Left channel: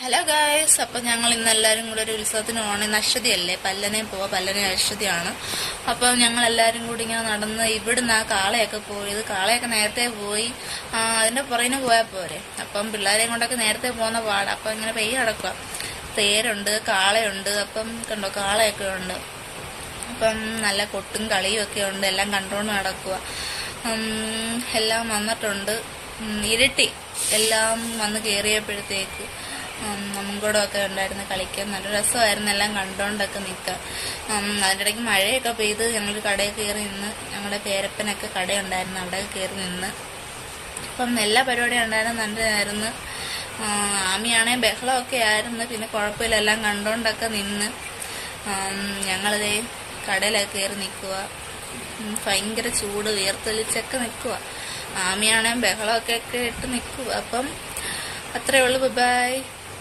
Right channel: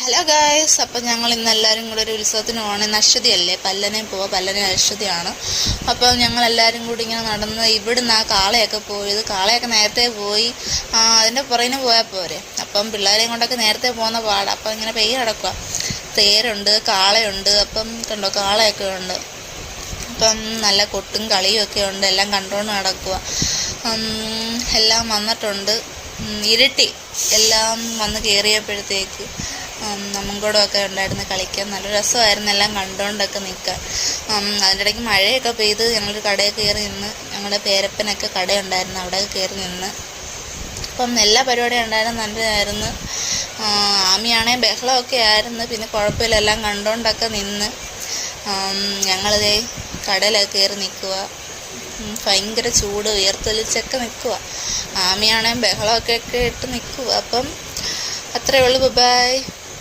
Hello guys, അപ്പോൾ ഞങ്ങൾ ഇന്ന് എല്ലാവരും കൂടെ ഒരു ഉത്സവത്തിന് പോകണം. നക്ഷതിയല്ലേ, പല്ലനെ പോവാം. പല്ലനെ നക്ഷതിയാണ്. അപ്പോൾ ഞങ്ങളെല്ലാവരും കൂടി ഇങ്ങനെ നടന്ന് ഇവിടുന്ന് ആ കാളയൊക്കെ പോയത്. കാളയൊക്കെ നേരത്തെ പോയി, അതിൻ്റെ പുറകിന് പോയാൽ പോരെ. അപ്പം പിള്ളേരെയും കൊണ്ടൊക്കെ നേരത്തെ പോകുന്ന പാടാം. അപ്പം ഇങ്ങനെ പെയ്യ കിടക്കുക. തേരുണ്ട്, കാളയുണ്ട്. അപ്പം കണ്ടോ, കാളയൊക്കെ ഉണ്ട്. അപ്പം നല്ല കൊട്ടും കളിയും ഒക്കെ ഉണ്ട്. എല്ലാം കണ്ടുകൊണ്ട് നടക്കുക. എല്ലാം വന്നിട്ടുണ്ട്. ഇരുട്ടി എല്ലാം വന്ന് കയറിയപ്പോഴത്തേക്ക് നമ്മൂടെ ഉണ്ടായിരുന്നു കളിക്കാൻ. നല്ല രസമായിരുന്നു എല്ലാം കണ്ടുകൊണ്ടൊക്കെ നിൽക്കാൻ. അതിൻ്റെ ഇടയ്ക്ക് മഴയൊക്കെ പെയ്ത് ഞങ്ങളൊരു കടയിൽ കയറി നിന്ന്. ഞങ്ങളുടെ പേരപ്പനൊക്കെ കടയുണ്ടായിരുന്നു, അവിടെ കയറി നിന്ന്. അപ്പം എല്ലാ പരിപാടിയും ഉണ്ടായിരുന്നു, നല്ലതായിരുന്നു. ആമിയാണെങ്കിൽ ബഹളമൊക്കെ ആയിരുന്നു. പിന്നെ കുഴപ്പമില്ല, എല്ലാം കണ്ടുകൊണ്ടൊക്കെ നിന്ന്. ഞങ്ങളിതേ കടയിലൊക്കെ കയറി നിൽക്കുക. ഭയങ്കര ചൂട്, വിയർത്തൊലിച്ചൊക്കെ നിൽക്കുക. ആമിയാണെങ്കിൽ ബഹളമൊക്കെ ഇട്ട് നിൽക്കുക. അപ്പം അത്രയേ ഉള്ളൂ. ബൈ.